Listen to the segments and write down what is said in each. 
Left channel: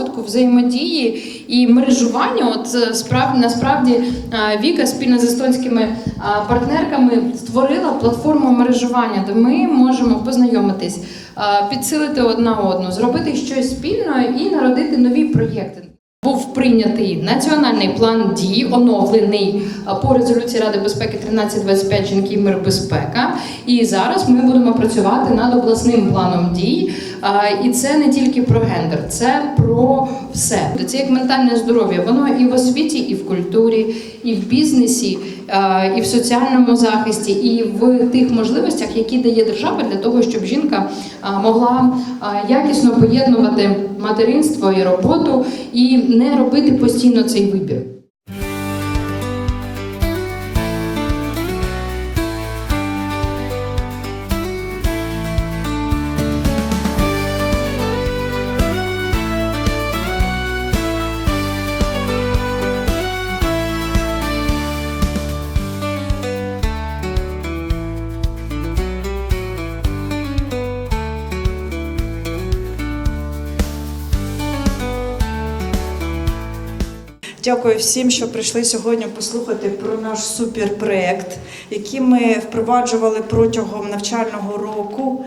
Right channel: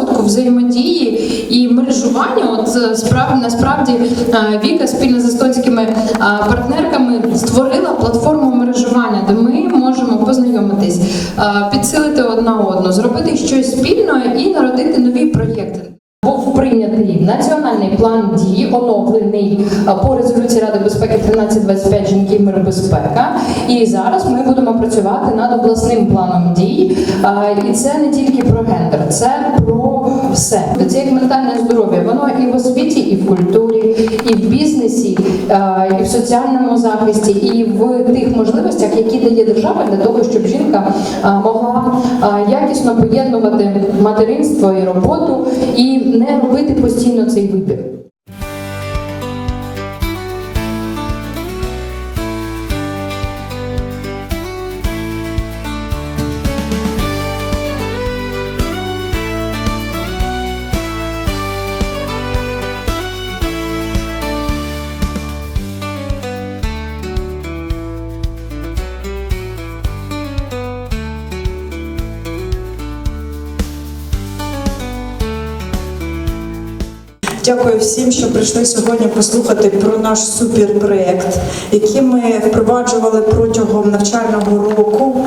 розвитку, взаємодії і мережування. От е, справ насправді е, Віка спільно з естонськими е, партнерками створила платформу мережування, де ми можемо познайомитись, підсилити одна одну, зробити щось спільно і народити нові проєкти. Був прийнятий національний план дій, оновлений е, по резолюції Ради безпеки 1325 жінки, мир, безпека. І зараз ми будемо працювати над обласним планом дій. Е, І це не тільки про гендер, це про все. Це як ментальне здоров'я. Воно і в освіті, і в культурі, і в бізнесі, е, і в соціальному захисті, і в тих можливостях, які дає держава для того, щоб жінка могла якісно поєднувати материнство і роботу і не робити постійно цей вибір. Дякую всім, що прийшли сьогодні послухати про наш суперпроєкт, який ми впроваджували протягом навчального року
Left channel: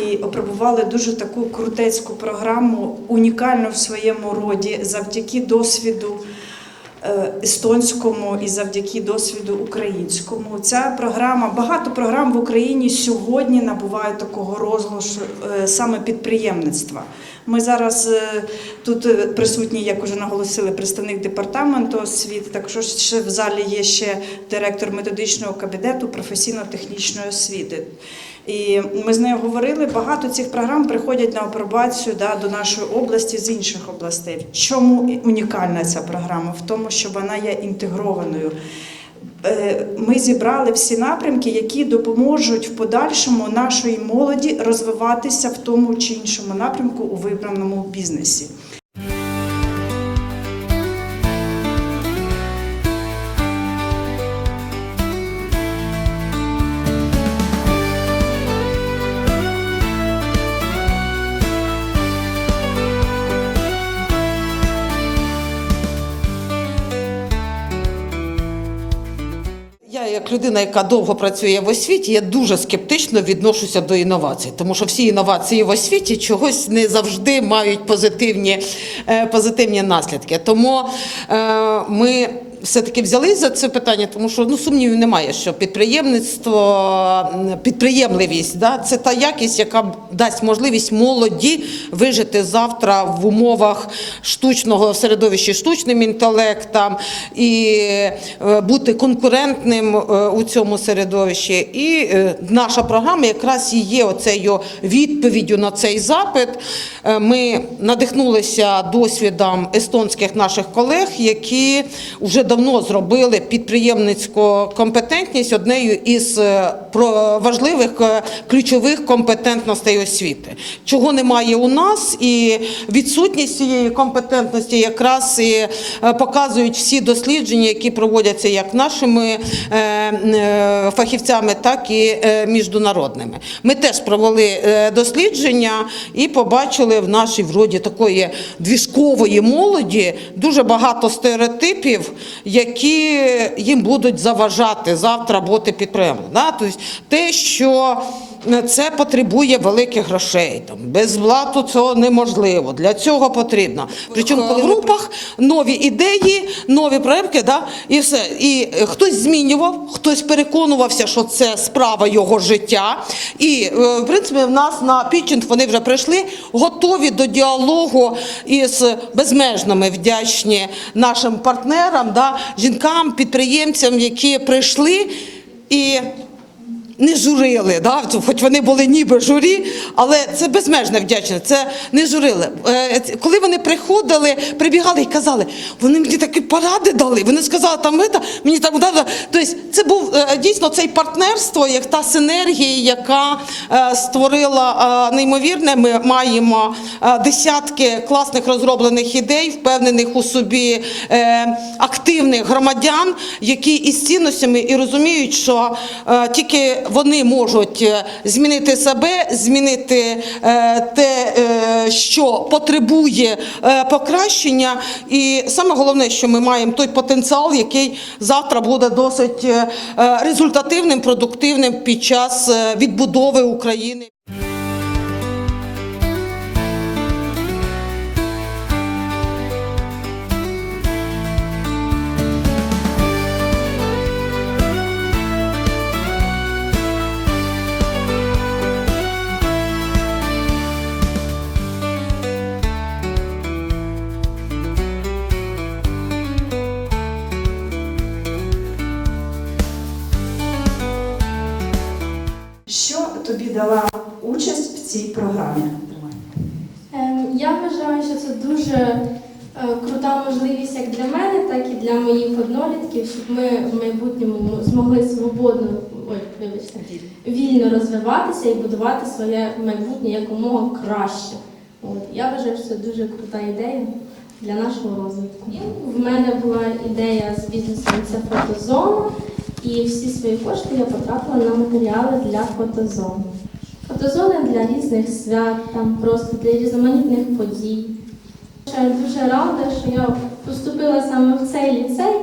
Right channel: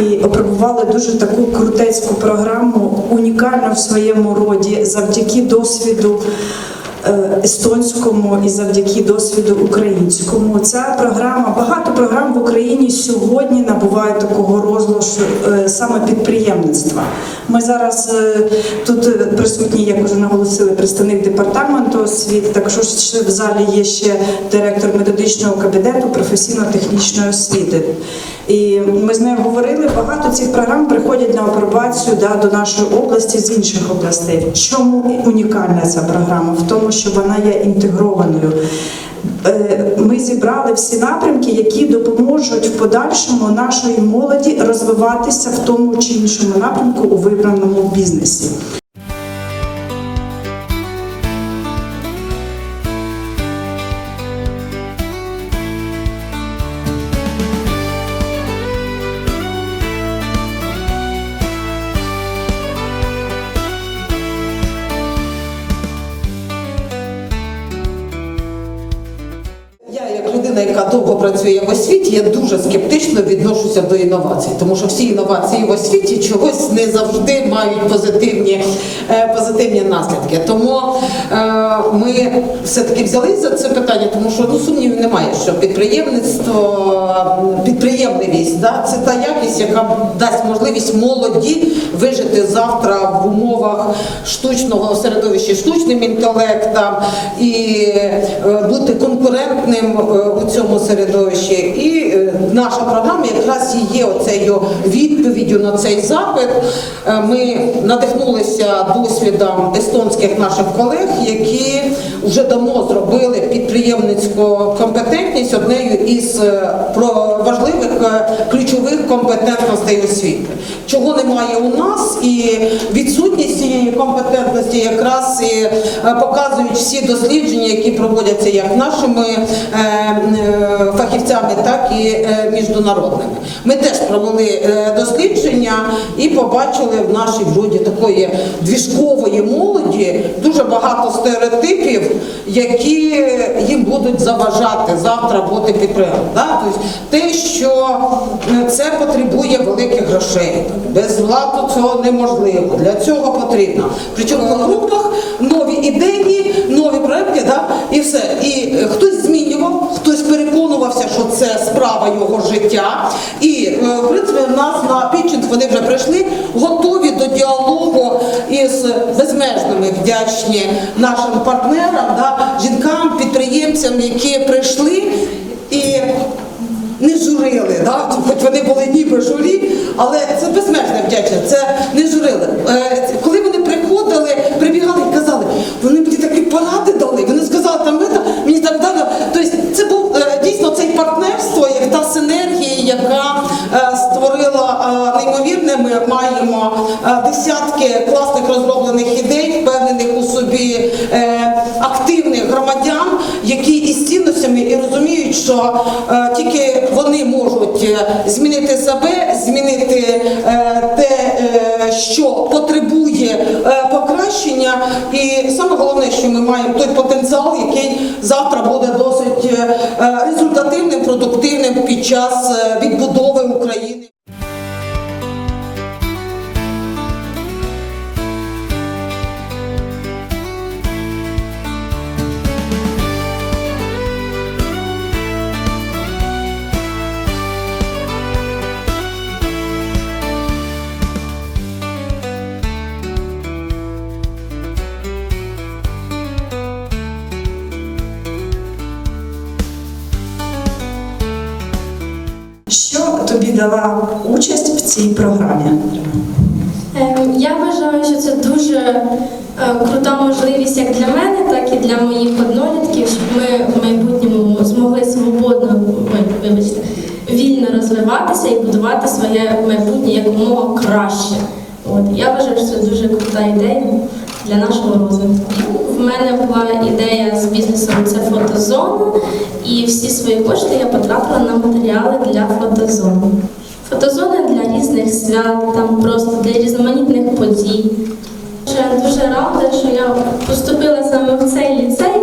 і опробували дуже таку крутецьку програму, унікальну в своєму роді, завдяки досвіду. Е, Естонському і завдяки досвіду українському ця програма багато програм в Україні сьогодні набувають такого розголосу е, саме підприємництва. Ми зараз е, тут присутні, як вже наголосили, представник департаменту освіти. Також ще в залі є ще директор методичного кабінету професійно-технічної освіти. І ми з нею говорили. Багато цих програм приходять на апробацію да, до нашої області з інших областей. Чому унікальна ця програма? В тому, що вона є інтегрованою. Е, Ми зібрали всі напрямки, які допоможуть в подальшому нашої молоді розвиватися в тому чи іншому напрямку у вибраному бізнесі. Яка довго працює в освіті, я дуже скептично відношуся до інновацій, тому що всі інновації в освіті чогось не завжди мають позитивні, е, позитивні наслідки. Тому е, ми все-таки взялися за це питання, тому що ну сумнівів немає, що підприємництво, підприємливість да, це та якість, яка дасть можливість молоді вижити завтра в умовах штучного середовища, штучним інтелектом і е, бути конкурентним у цьому середовищі. І е, наша програма якраз і є оцею відповіддю на цей запит. Е, Ми надихнулися досвідом естонських наших колег, які вже давно зробили підприємницьку компетентність однею із е, важливих ключових компетентностей освіти, чого немає у нас, і відсутність цієї компетентності якраз і показують всі дослідження, які проводяться як нашими фахівцями, так і е, міжнародними. Ми теж провели е, дослідження і побачили в нашій вроді такої двіжкової молоді дуже багато стереотипів, які їм будуть заважати завтра бути підприємцем. Тобто те, що е, це потребує великих грошей. Без владу цього неможливо. Для цього потрібно. Причому по групах нові ідеї, нові проекти, да? і все. І хтось змінював, хтось переконувався, що це справа його життя. І е, в принципі в нас на пітчинг вони вже прийшли, готові до діалогу із безмежними вдячні нашим партнерам, да? жінкам, підприємцям, які прийшли і не журили, да? хоч вони були ніби журі, але це безмежна вдячність, це не журили. Е, Коли вони приходили, прибігали і казали, вони мені такі поради дали, вони сказали, там ми та мені там дали. Тобто це був е, дійсно цей партнерство, як та синергія, яка е, створила е, неймовірне. Ми маємо десятки класних розроблених ідей, впевнених у собі активних громадян, які із цінностями і розуміють, що тільки вони можуть змінити себе, змінити те, що потребує е, покращення, і саме головне, що ми маємо той потенціал, який завтра буде досить е, е, результативним, продуктивним під час відбудови України. Тобі дала участь в цій програмі? Ем, Я вважаю, що це дуже е, крута можливість як для мене, так і для моїх однолітків, щоб ми в майбутньому змогли свободно, вибачте, вільно розвиватися і будувати своє майбутнє якомога краще. От я вважаю, що це дуже крута ідея для нашого розвитку. В мене була ідея з бізнесом це фотозона, і всі свої кошти я потратила на матеріали для фотозони. Фотозони для різних свят, там просто для різноманітних подій. Я дуже рада, що я поступила саме в цей ліцей.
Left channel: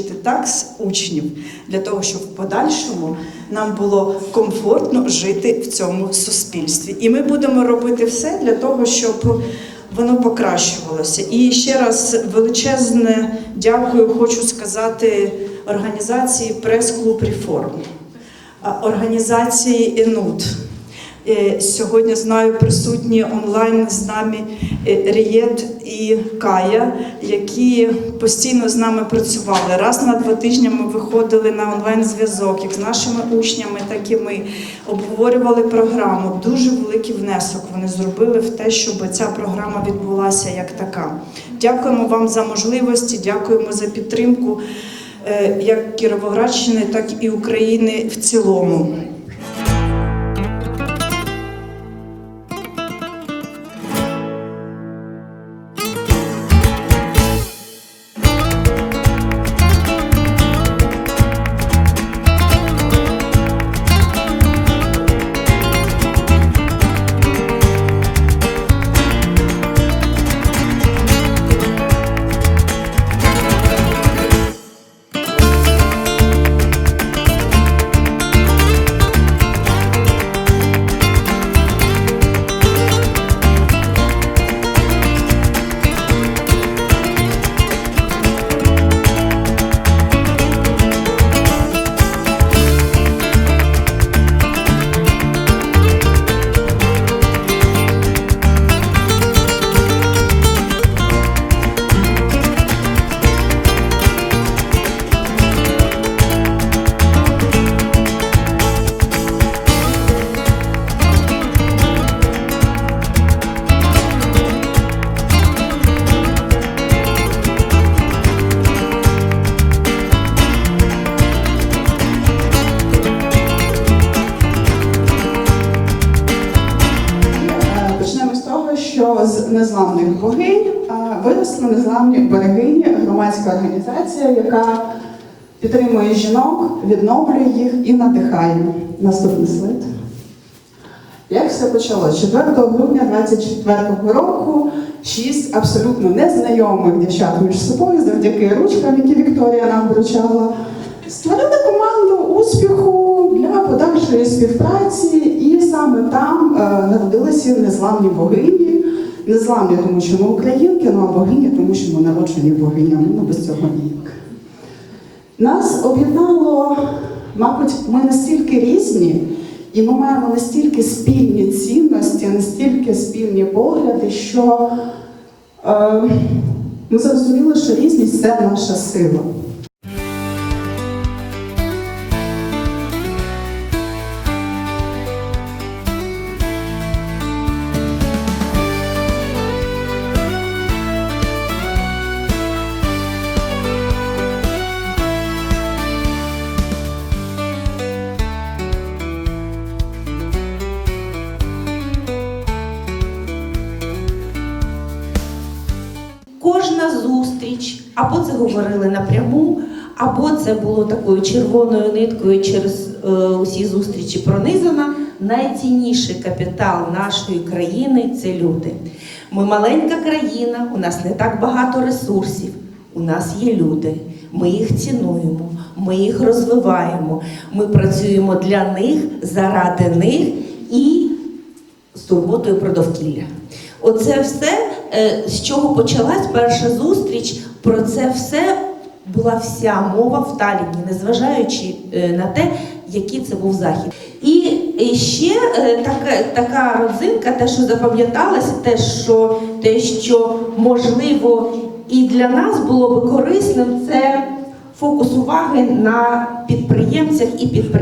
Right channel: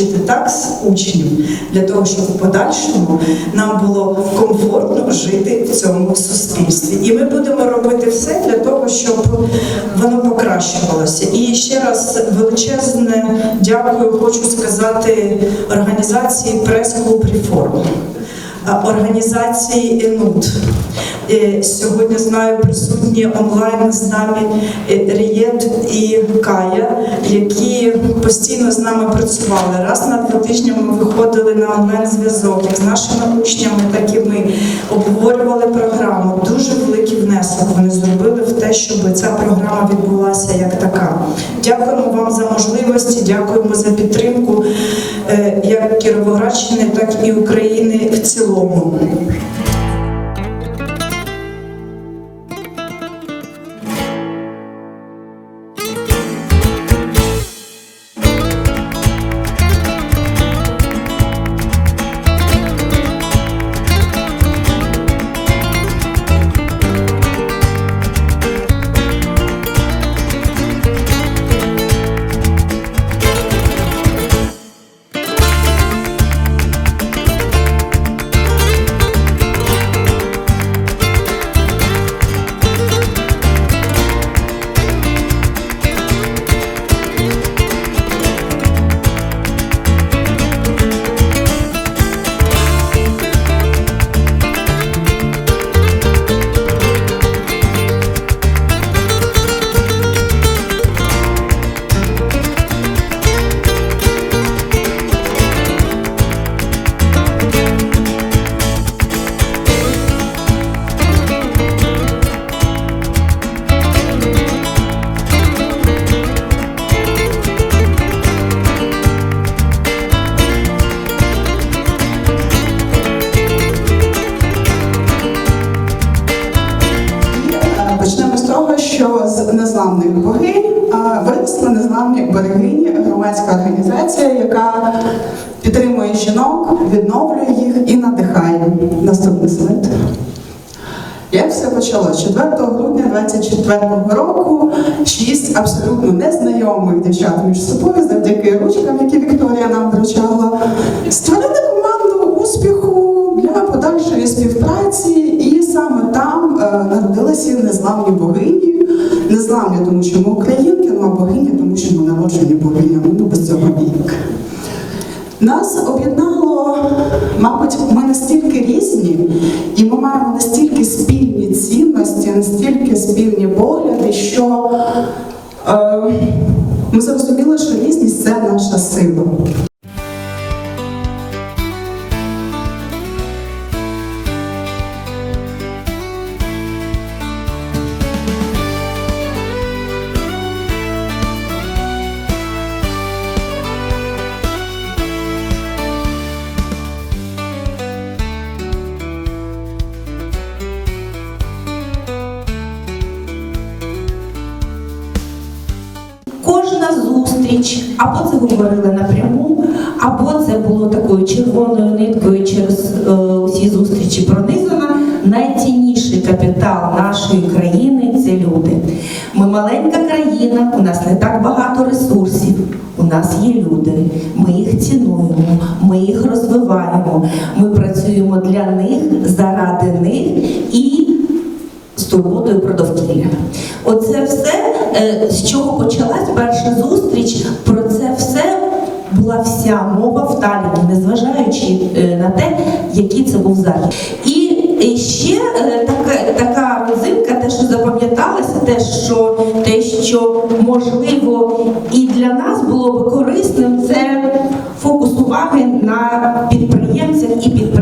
Вчити так учнів для того, щоб в подальшому нам було комфортно жити в цьому суспільстві. І ми будемо робити все для того, щоб воно покращувалося. І ще раз величезне дякую, хочу сказати організації прес-клуб реформ, організації ЕНУД. Е, Сьогодні знаю присутні онлайн з нами е, Рієт і Кая, які постійно з нами працювали. Раз на два тижні ми виходили на онлайн зв'язок з нашими учнями, так і ми обговорювали програму. Дуже великий внесок вони зробили в те, щоб ця програма відбулася як така. Дякуємо вам за можливості, дякуємо за підтримку е, як Кіровоградщини, так і України в цілому. Громадська організація, яка підтримує жінок, відновлює їх і надихає. Наступний слайд. Як все почалось? 4 грудня 24 року шість абсолютно незнайомих дівчат між собою, завдяки ручкам, які Вікторія нам вручала, створили команду успіху для подальшої співпраці, саме там е, народилися незламні богині. Незламні, тому що ми українки, ну а богині, тому що ми народжені богинями, ну без цього ніяк. Нас об'єднало, мабуть, ми настільки різні, і ми маємо настільки спільні цінності, настільки спільні погляди, що е, ми зрозуміли, що різність це наша сила. Або це говорили напряму, або це було такою червоною ниткою через е, усі зустрічі пронизано. Найцінніший капітал нашої країни це люди. Ми маленька країна, у нас не так багато ресурсів. У нас є люди, ми їх цінуємо, ми їх розвиваємо, ми працюємо для них, заради них і з турботою про довкілля. Оце все, е, з чого почалась перша зустріч, про це все була вся мова в Таліні, незважаючи е, на те, який це був захід. І е, ще е, така, така родзинка, те, що запам'яталося, те, що те, що можливо і для нас було би корисним, це фокус уваги на підприємцях і підприємцях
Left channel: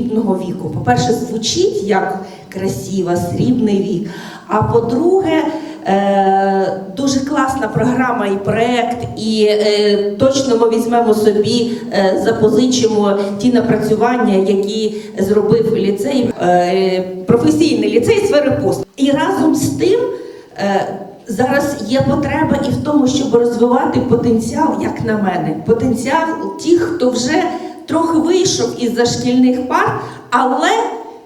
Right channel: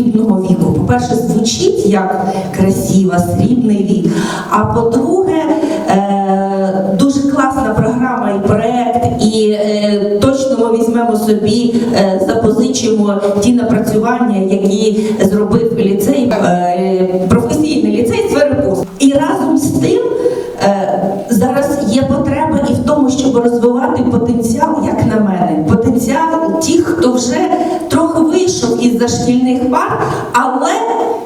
срібного віку. По-перше, звучить як красиво, срібний вік. А по-друге, е, дуже класна програма і проект, і е, точно ми візьмемо собі, е, запозичимо ті напрацювання, які зробив ліцей, професійний ліцей сфери. І разом з тим. Зараз є потреба і в тому, щоб розвивати потенціал, як на мене, потенціал тих, хто вже вийшов із зашкільних пар, але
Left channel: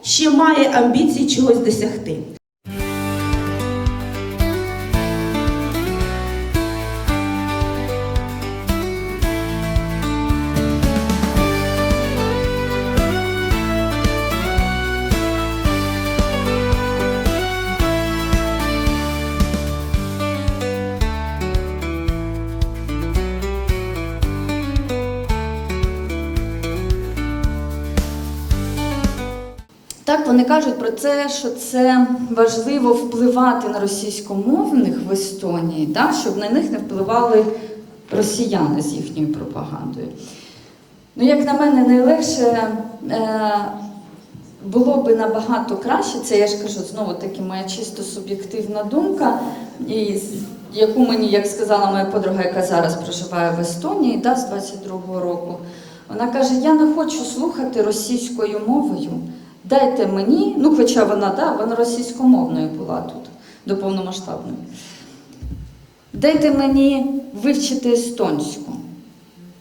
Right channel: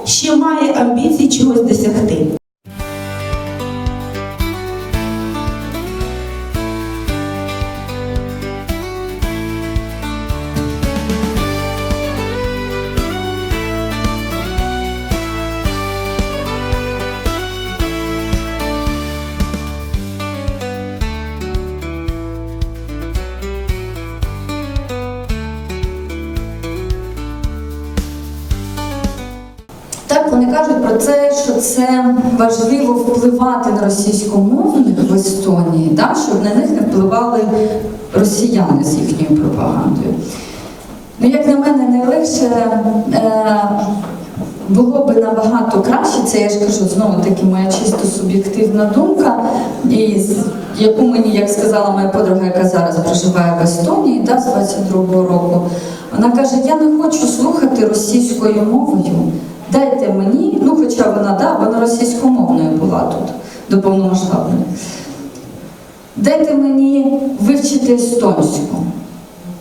ще має амбіції чогось досягти. Це, важливо впливати на російськомовних в Естонії, да, щоб на них не впливали росіяни з їхньою пропагандою. Ну, як на мене, найлегше е, було би набагато краще, це я ж кажу, знову таки моя чисто суб'єктивна думка, і яку мені, як сказала моя подруга, яка зараз проживає в Естонії да, з 22-го року, вона каже, я не хочу слухати російською мовою. Дайте мені, ну хоча вона да, вона російськомовною була тут до повномасштабної. Дайте мені вивчити естонську.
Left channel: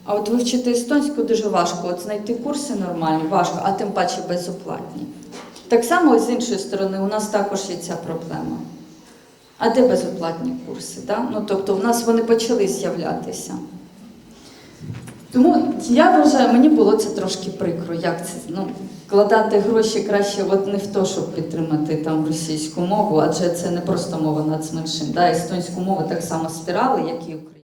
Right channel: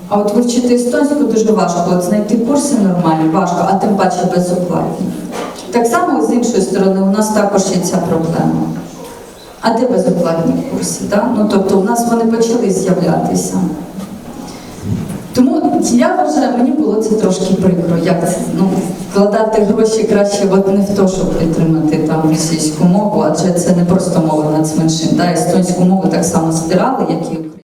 А от вивчити естонську дуже важко, от знайти курси нормальні, важко, а тим паче безоплатні. Так само з іншої сторони, у нас також є ця проблема. А де безоплатні курси? Да? Ну, тобто у нас вони почали з'являтися. Я вважаю, мені було це трошки прикро, як ну, вкладати гроші краще от не в те, щоб підтримати там російську мову, адже це не просто мова нацменшин. Да, естонську мову так само збирали, як і українську.